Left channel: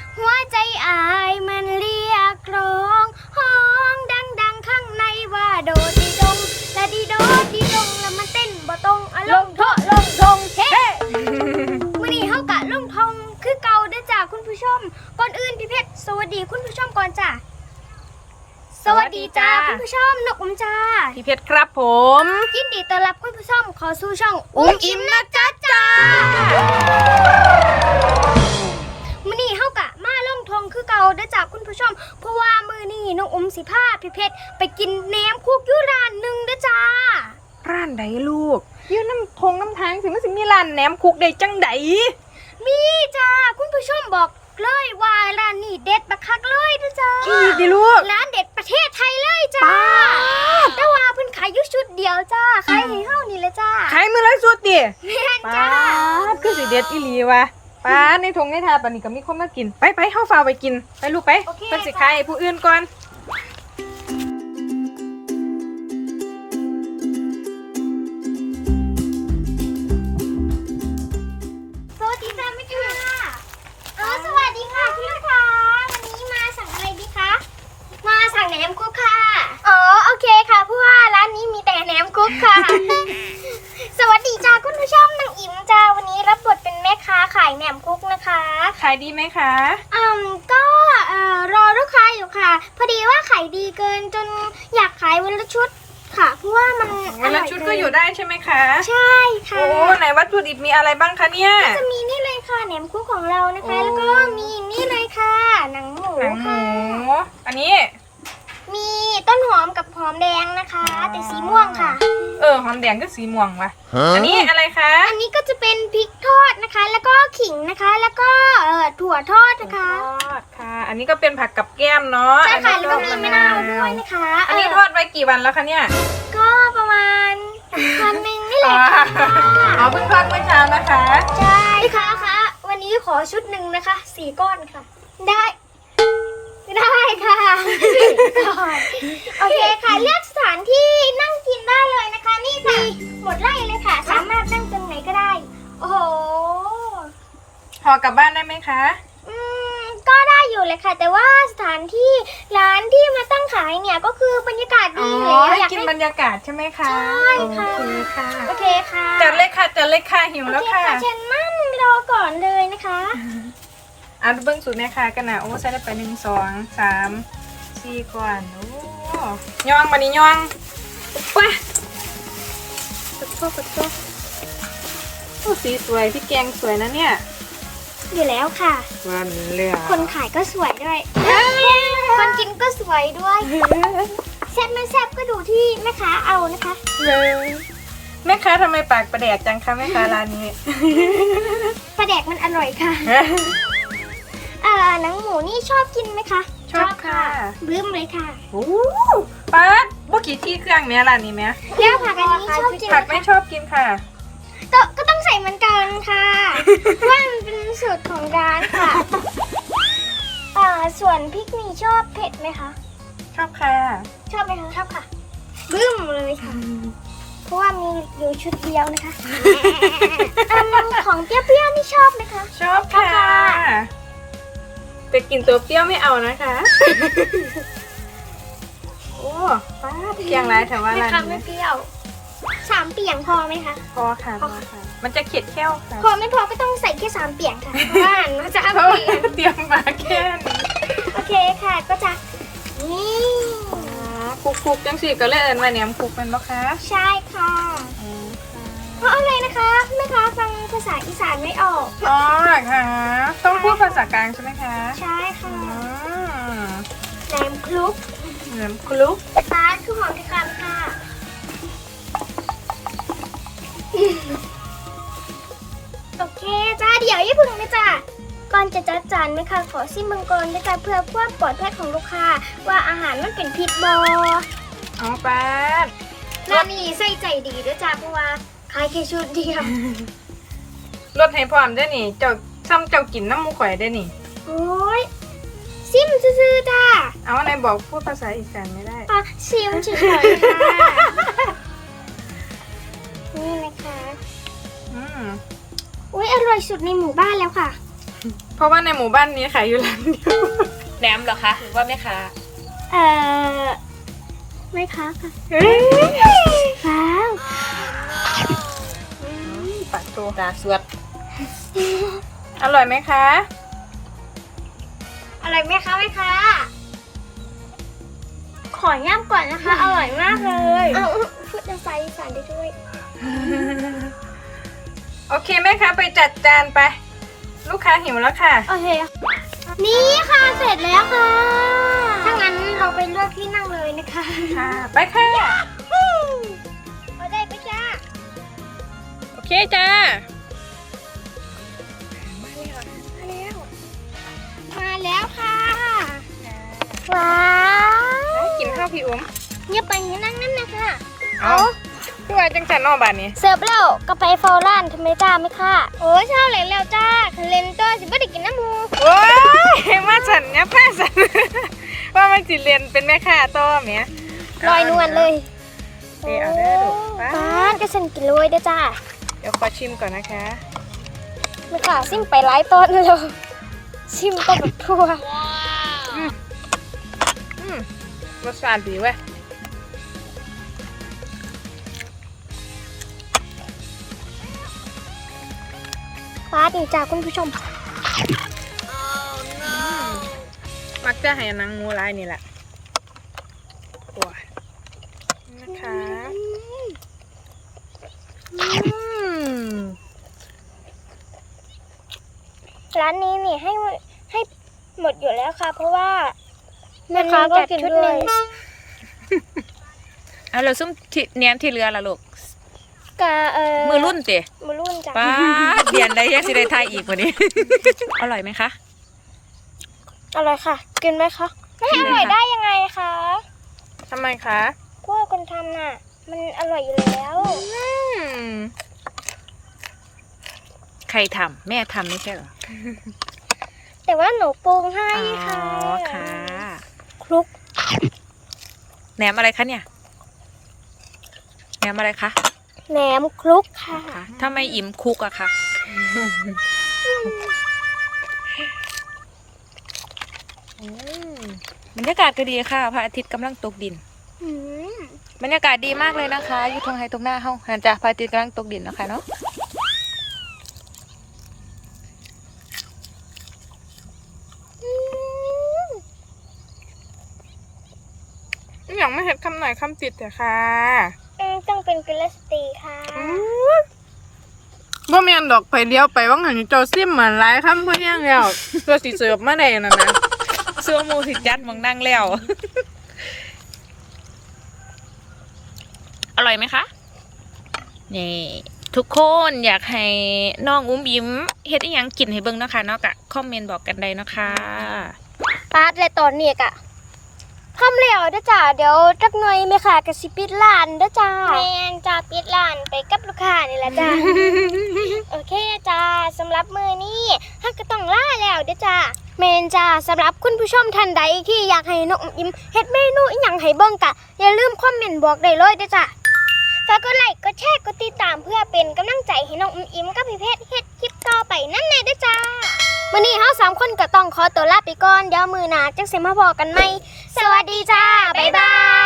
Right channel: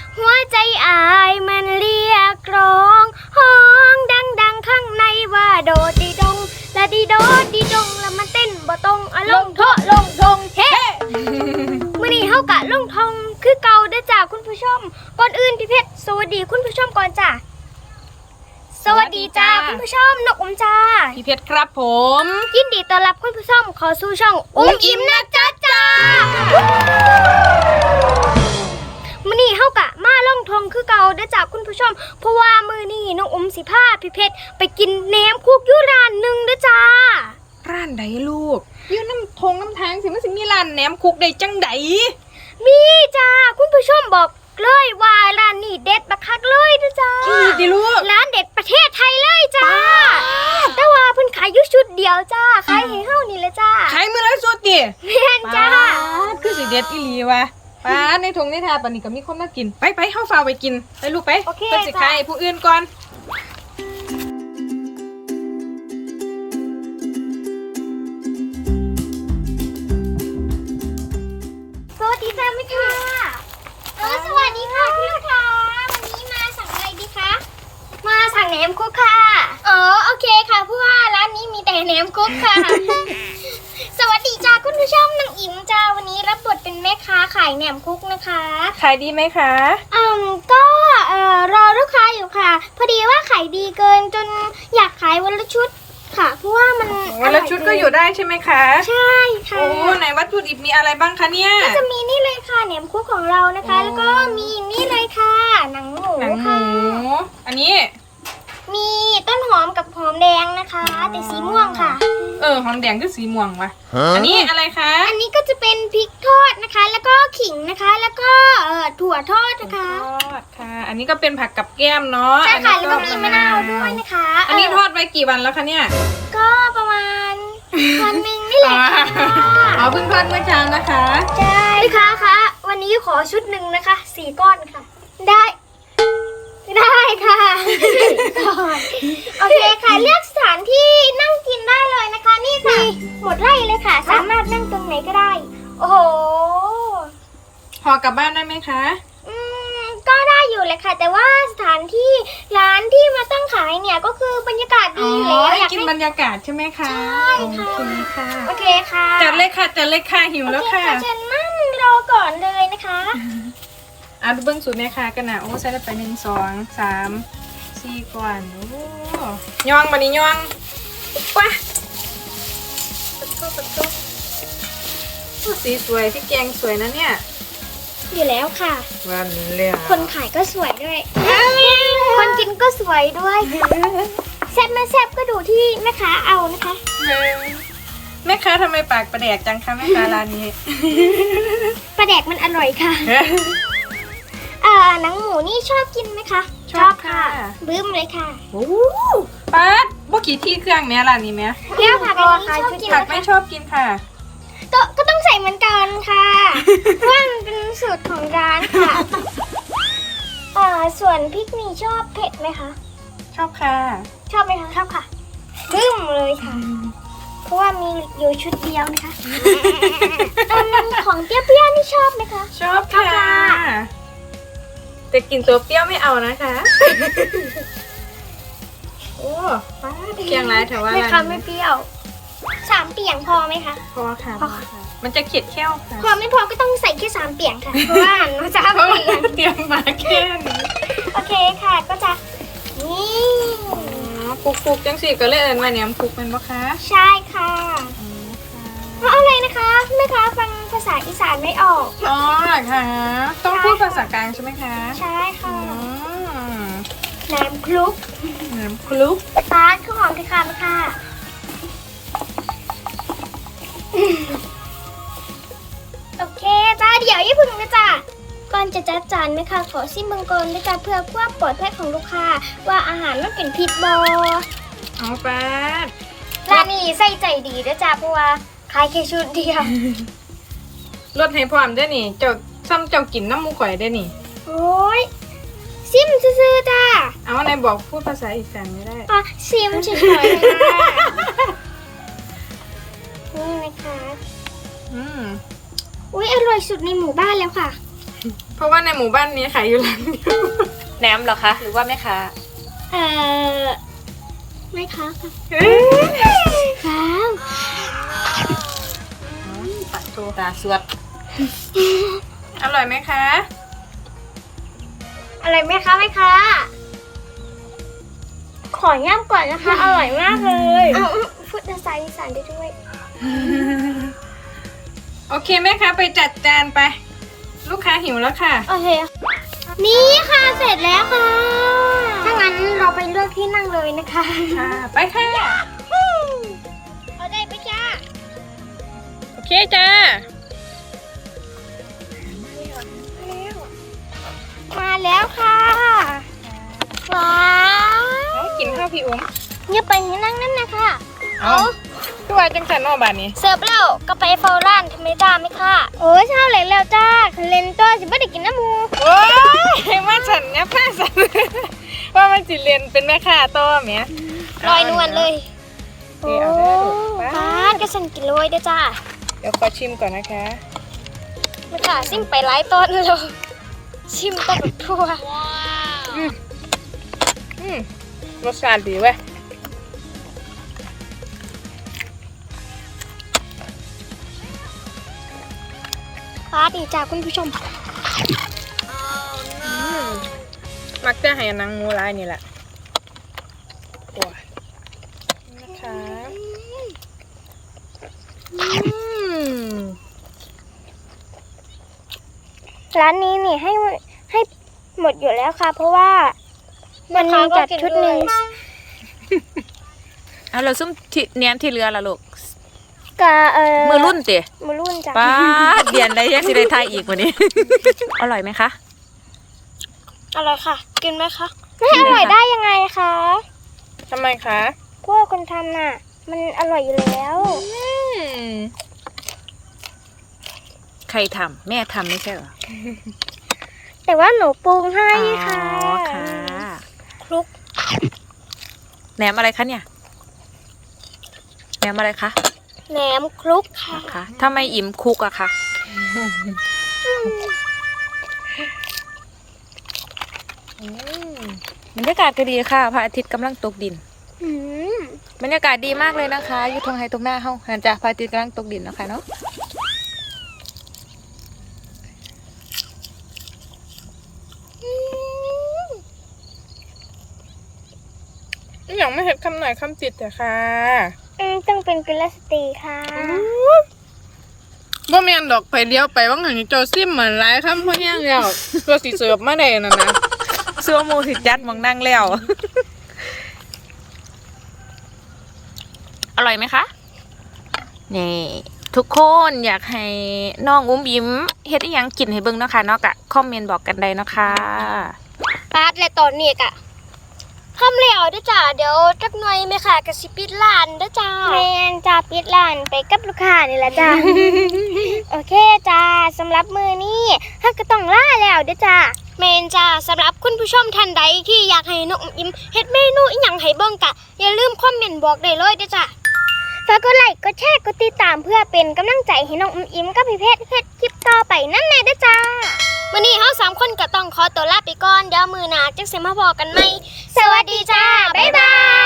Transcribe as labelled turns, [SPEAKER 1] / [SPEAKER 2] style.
[SPEAKER 1] หัวใจอายมันเรียกร้องห้องดังข้างในว่าโดดดีดงละดีโดดดีดงแล้วมันเต้นบ่ตรงลงโทลงทงเฮ้มื้อนี้เฮากะลงทงคือเก่าเด้อจ้าคุณผู้ชมก่อนอื่นพี่เพชรสวัสดีคุณผู้ชมก่อนจ้าสวัสดีจ้าคุณผู้ชมนกอมจ้า
[SPEAKER 2] พี่เพชรครับผม
[SPEAKER 1] ยินดีต้อนรับคุณผู้ชมเข้าสู่ช่องอิ่มนะจ้ามื้อนี้เฮากะมาลงทงคือเก่าเด้อจ้าคุณผู้ชมเพราะว่ามื้อนี้น้องอมสิพาพี่เพชรไปกินแหนมคุกอยู่ร้านหนึงเด้อจ้า
[SPEAKER 2] ร้านใดลูกยืนน้ำทงน้ำทางสิมันสิมีร้านแหนมคุกได้จังใด
[SPEAKER 1] มีจ้าคุณผู้ชมบอกเลยว่าร้านนี้เด็ดบักคักเลยเด้อจ้า
[SPEAKER 2] ดิลูก
[SPEAKER 1] ร้านเด็ดประเทศไทยเลยจ้าแต่ว่าเพิ่นขายอยู่ชุดเดียวจ้าขายให้เฮานี่แหละจ้า
[SPEAKER 2] ขายมือละสุดดิ
[SPEAKER 1] แม่นจ้า
[SPEAKER 2] คือสิเด็ดอีหลีวะป้าในทงในทาปานนี้ก็มีคนมากินไปเฮาฟ้าไปกินไปลูกไปเพิ่นสิขายให้ผู้อื่นก่อน
[SPEAKER 1] สวัสดีค่ะพี่ค่ะสวัสดีค่ะพี่ลูกค้าวันนี้มาสั่งอะไรดีคะมาสั่งแหนมคุกค่ะอ๋อโอเคค่ะเพราะว่าร้านนี้มีแต่แหนมคุกค่ะ สวัสดีจ้าคุณผู้ชมนางอิ๋มจ้าวันนี้รับบทเป็นแม่ค้าขายแหนมคุกนะคะ
[SPEAKER 2] ขายดีไหมคะ
[SPEAKER 1] ก็รอลูกค้าอยู่ค่ะ พอดีว่าขายดีเกินจนอยากขายวันละชุดค่ะเพราะว่ามันอร่
[SPEAKER 2] แล้
[SPEAKER 1] อ
[SPEAKER 2] วย ชุดก็อยู่ได้ใช่ไหมคะ
[SPEAKER 1] ใช่ค่ะ
[SPEAKER 2] โอ้ไหนวัตถุดิบมีอะไรบ้างคะเนี่ย
[SPEAKER 1] ก็จะมีนี่เลยค่ะแหนมคุกของเรานะคะ
[SPEAKER 2] โอ้
[SPEAKER 1] แล้วก็มีนี่เลยค่ะหนังหมู
[SPEAKER 2] หนังหมู
[SPEAKER 1] ค่ะ
[SPEAKER 2] อันนี้
[SPEAKER 1] มีต้นหอมกับหอมแดงนะคะ แต่สีม่วงค่ะ
[SPEAKER 2] หอมแดงก็สีม่วงวะอันนี้อะไรคะ
[SPEAKER 1] อันนี้ก็จะเป็นพริกทอดนะคะ แล้วก็ขิงนะคะ แล้วก็ถั่วทอดนะคะ
[SPEAKER 2] ทอดค่ะ อันนี้ก็เป็นผักกับแก้มเนาะ
[SPEAKER 1] ใช่ค่ะ
[SPEAKER 2] อัน
[SPEAKER 1] แล้ว
[SPEAKER 2] นี้
[SPEAKER 1] ก็มีมะนาวด้วยนะคะ
[SPEAKER 2] อันนี้ทอดไว้กี่วันแล้วคะเนี่ย
[SPEAKER 1] ก็ประมาณวันหนึ่งนี่แหละค่ะ
[SPEAKER 2] เอาเพิ่งทอดเมื่อเช้านะคะ
[SPEAKER 1] ใช่ลูกค้าคะวันนี้ขอชุดหนึ่งนะคะ4 ก้อนค่ะ ได้ค่ะโอเคค่ะเลือกสถานที่นั่งกินได้เลยนะคะ นี่ค่ะหมดไร่เลยค่ะ สามารถนั่งตรงไหนก็ได้ โอ้โห
[SPEAKER 2] ห่อกลับบ้านได้ไหมคะ
[SPEAKER 1] ก็ได้อยู่เลยค่ะ แต่ว่าสถานที่ร้านที่มาตั้งขายเนี่ยก็คือบรรยากาศดีอยู่แล้วอยาก
[SPEAKER 2] กิน
[SPEAKER 1] ให้
[SPEAKER 2] บรรยากาศใช่ไหมคะ
[SPEAKER 1] ใช่ค่ะ
[SPEAKER 2] โอเคค่ะ
[SPEAKER 1] โอเคค่ะ
[SPEAKER 2] จัดเลยค่ะหิว
[SPEAKER 1] โอ
[SPEAKER 2] แล้ว
[SPEAKER 1] เค
[SPEAKER 2] ค่ะ
[SPEAKER 1] ค่ะเชิญนั่งรอก่อนเลยนะคะ
[SPEAKER 2] เอาดูเบิ้งสูตรแม่ค่ะกันนะโอ้ใส่ได้ไป1 2 3 4ก่อนโอ้ย่องมาดิย่องไปโอ้สีสวยพี่แกงสวยนะเนี่ย
[SPEAKER 1] อยู่แล้วค่ะ
[SPEAKER 2] วันนี้เรื่อง
[SPEAKER 1] คนขายก็สวยด้วย คนกินก็สวยด้วยแซ่บไม่แซ่บก็ดูที่แม่ค้าเอานะคะ
[SPEAKER 2] แม่ค้าทำไมปากประแดกจังคะแม่ค้าร้านนี้
[SPEAKER 1] ปลาแดกมันอร่อยค่ะหนังหมูนี่ชอบกินไหมคะ
[SPEAKER 2] ชอบค่ะ
[SPEAKER 1] บึ้มเลยค่ะ
[SPEAKER 2] โอ้ป๊าดบ่กี่ที่เครื่องแม่ร้านนี้แม่
[SPEAKER 1] แล้วผักอันนี้ชอบกินไห
[SPEAKER 2] ผั
[SPEAKER 1] ม
[SPEAKER 2] กไม่
[SPEAKER 1] คะ
[SPEAKER 2] ชอบกินค่ะ
[SPEAKER 1] ก็ต้องใส่เหมือนกันค่ะ เพราะว่ามันเป็นสูตรของร้านค่ะ ส่วนพริกนี่ชอบเผ็ดไหมคะ
[SPEAKER 2] ชอบค่ะ
[SPEAKER 1] ชอบไหมคะ ชอบค่ะ บึ้มเลยค่ะ เพราะว่ามีอยู่ชุดเดียวนะคะ ของเปรี้ยวๆนี่ชอบไหมคะ
[SPEAKER 2] ชอบค่ะแต่กินตัวเปรี้ยวไม่เอานะคะ โอ้ป้าดเพียงไรแถวว่า
[SPEAKER 1] ไม่
[SPEAKER 2] ร้าน
[SPEAKER 1] ค่ะไม่
[SPEAKER 2] นี้
[SPEAKER 1] เปรี้ยว3 เปียงพอไหมคะ
[SPEAKER 2] พอค่ะ มันจะเข็ดแค่วค่ะ
[SPEAKER 1] พอไม่พอก็ต้องใส่แค่3 เปียงค่ะ เพราะว่ามันจะ3 เปียง
[SPEAKER 2] เตรียมมาแค่นี้
[SPEAKER 1] โอเคค่ะ ก็จะนี่
[SPEAKER 2] คุกจังสิก็เลยเอิญว่าเนี่ยคุกมันปะคะ
[SPEAKER 1] ใช่ค่ะ
[SPEAKER 2] อ๋อค่ะ
[SPEAKER 1] เพราะอะไรนะคะแม่ค้าฟังภาษาอีสานไม่ออก
[SPEAKER 2] อ๋อเหรอคะต้องพูดภาษากลางใช่ไหมคะ
[SPEAKER 1] ใช่ค่ะ
[SPEAKER 2] อ๋อ
[SPEAKER 1] แหนมคลุก
[SPEAKER 2] เหมือนคลุก
[SPEAKER 1] ร้านคือหอมที่คำค่ะ โอเคจ้าเดี๋ยวอย่าพึ่งนะจ้าก่อนจะจัดจานนะคะขอซิมเบิงก่อนนะจ๊ะเพื่อความปลอดภัยของลูกค้าว่าอาหารมันเป็นพิษบอ
[SPEAKER 2] เอาป้าด
[SPEAKER 1] ร้านนี้ใส่ใจดีนะจ๊ะเพราะว่าขายแค่ชุดเดียว
[SPEAKER 2] รสให้พร้อมได้อนี่เจ้าซ้ำเจ้ากินน้ำมูกข่อยได้อนี่
[SPEAKER 1] โอ้ยซิมซื่อๆจ้า
[SPEAKER 2] เอาไหนบอกพูดภาษาอีสานไม่ได้
[SPEAKER 1] ซิมเฉยๆค่ะนี่นะคะ
[SPEAKER 2] อืม
[SPEAKER 1] อุ้ยอร่อยสุดในหมู่บ้านแล้วค่ะ
[SPEAKER 2] เพราะว่าในหมู่บ้านนี้ขายอยู่ร้านเดียว
[SPEAKER 3] แหนมเหรอคะหรือว่าแม่ค้า
[SPEAKER 1] ไม่ค้าค่ะ
[SPEAKER 2] เฮ้ย
[SPEAKER 1] ว้าว
[SPEAKER 3] ตาสวด
[SPEAKER 2] อร่อยไหมคะ
[SPEAKER 1] อะไรไหมคะไหมคะขอย่ำก่อนนะคะ อร่อยมากเลยเอาพูดภาษาอีสานได้ด้วย
[SPEAKER 2] โอเคแม่คะไปจัดจานไป ลูกค้าหิวแล้วค่ะ
[SPEAKER 1] โอเค นี่ค่ะเสร็จแล้วค่ะ ถ้างั้นเราไปเลือกที่นั่งเลยนะคะ
[SPEAKER 2] ไปค่ะ
[SPEAKER 1] เอาได้ไปจ้า
[SPEAKER 2] โอเคจ้า
[SPEAKER 1] มาแล้วค่ะว้าว
[SPEAKER 2] กินข้าวพี่อุ้ม
[SPEAKER 1] เงียบไปนี่นั่งนั่นนะคะ
[SPEAKER 2] เอาคือว่าจังสันนอกบ้านนี้
[SPEAKER 1] เสิร์ฟแล้วก็ไปเฝ้าร้านทำไมจ้าไหมคะโอ้ยเช้าเลยแล้วจ้าเลนเตอร์สิบ่ได้กินน้ำมู
[SPEAKER 2] โอ้ยมาฉันเนี่ยผ้าฉัน ว่ามันจิเรียนเป็นแม่ค้าต่อเมีย
[SPEAKER 1] ลอยนวลเลย
[SPEAKER 2] เดี๋ยวเอาได้อลูกไป
[SPEAKER 1] ป้าดก็ฉันกินเลยเด้อจ้า
[SPEAKER 2] เดี๋ยวขอชิมก่อนนะคะ
[SPEAKER 1] นี่ค่ะซิมไปหลายต้นเลยชิมไปกับทั่ว
[SPEAKER 2] อืมรสชาติดีเว้ย
[SPEAKER 1] ป้าดีจ้าคุณผู้ชม
[SPEAKER 2] มักจะให้นางงูลายนี่แหละโอ้ยนะคะ
[SPEAKER 1] ร้านนี้นี่ให้หมดอยู่แล้วค่ะ เพราะว่าวันนี้จัดชุดหนึ่ง
[SPEAKER 3] เอาเราซุ่มที่แหนมที่เรือละลูก
[SPEAKER 1] กะ
[SPEAKER 3] มือรุ่นติ
[SPEAKER 1] มือรุ่นจ้ะ
[SPEAKER 3] ป้าดเดียนได้ยังสิได้ทายอีกวันนี้ อร่อยไหมคะ
[SPEAKER 1] อะไรค่ะ กินไหมคะไม่อร่อยได้ยังไงคะ
[SPEAKER 2] ทำไมคะ
[SPEAKER 1] ก็คนทำน่ะ มันอร่อยอยู่แล้ว
[SPEAKER 3] ใครทำแม่ทำไม่ใช่เหรอ
[SPEAKER 1] แต่ว่าหนูปรุงให้
[SPEAKER 3] อ๋อ
[SPEAKER 1] ค่ะ
[SPEAKER 3] ค่ะ
[SPEAKER 1] คลุก
[SPEAKER 3] แหนมอะไรคะเนี่ยแหนมอะไรคะ
[SPEAKER 1] แหนมคลุกค่ะ
[SPEAKER 3] นะคะถ้าไม่อิ่มคุกอะค่ะบรรยากาศก็ดีค่ะพระอาทิตย์กำลังตกดิน
[SPEAKER 1] อืม
[SPEAKER 3] บรรยากาศดีมากเลยนะคะอยู่ตรงไฮตรงหน้าเฮาหันจ้ะพระอาทิตย์กำลังตกดินนะคะเนาะ
[SPEAKER 2] อย่างไม่เห็นคำไหนคำติดแต่ค่ะ
[SPEAKER 1] ต้องเป็นกุลสตรีค่ะ
[SPEAKER 2] บ่เมียนดอกไปเลี้ยวไปว่างหันเจ้าซิมเหมือนไรคำเพื่อนยังแล้วตัวสีเสิร์ฟมาได้นะนะ
[SPEAKER 3] ซัวโมสิจัดมองนั่งแล้ว อร่อยไหมคะนี่ทุกคนอยากให้น้องอุ้มยิ้มเฮ็ดอีหยังกินให้เบิ่งเนาะค่ะเนาะกะคอมเมนต์บอกกันได้เนาะค่ะ
[SPEAKER 1] ปาดและตอนนี้กะคำเหลวเด้อจ้าเดี๋ยวจักหน่อยแม่ค่ะกะสิปิดร้านเด้อจ้าแม่นจ้าปิดร้านไปกับลูกค้านี่แหละจ้า โอเคจ้าสำหรับมือนี้ฮักก็ต้องล่าแล้วเด้อจ้าแมนจ้าสำหรับคุณผู้ชมท่านใดที่อยากให้น้องอุ๋มอิมเฮ็ดเมนูอีหยังให้เบิ่งกะอย่าลืมคอมเมนต์บอกได้เลยเด้อจ้าฝากกดไลค์กดแชร์กดติดตามเพื่อเป็นกำลังใจให้น้องอุ๋มอิมกับพี่เพชรเฮ็ดคลิปต่อไปนั่นแน่เด้อจ้าวันนี้เฮา3คนก็ต้องขอตัวลาไปก่อนเดี๋ยวมื้อหน้าจังสิมาพอกันใหม่สวัสดีจ้าบ๊ายบาย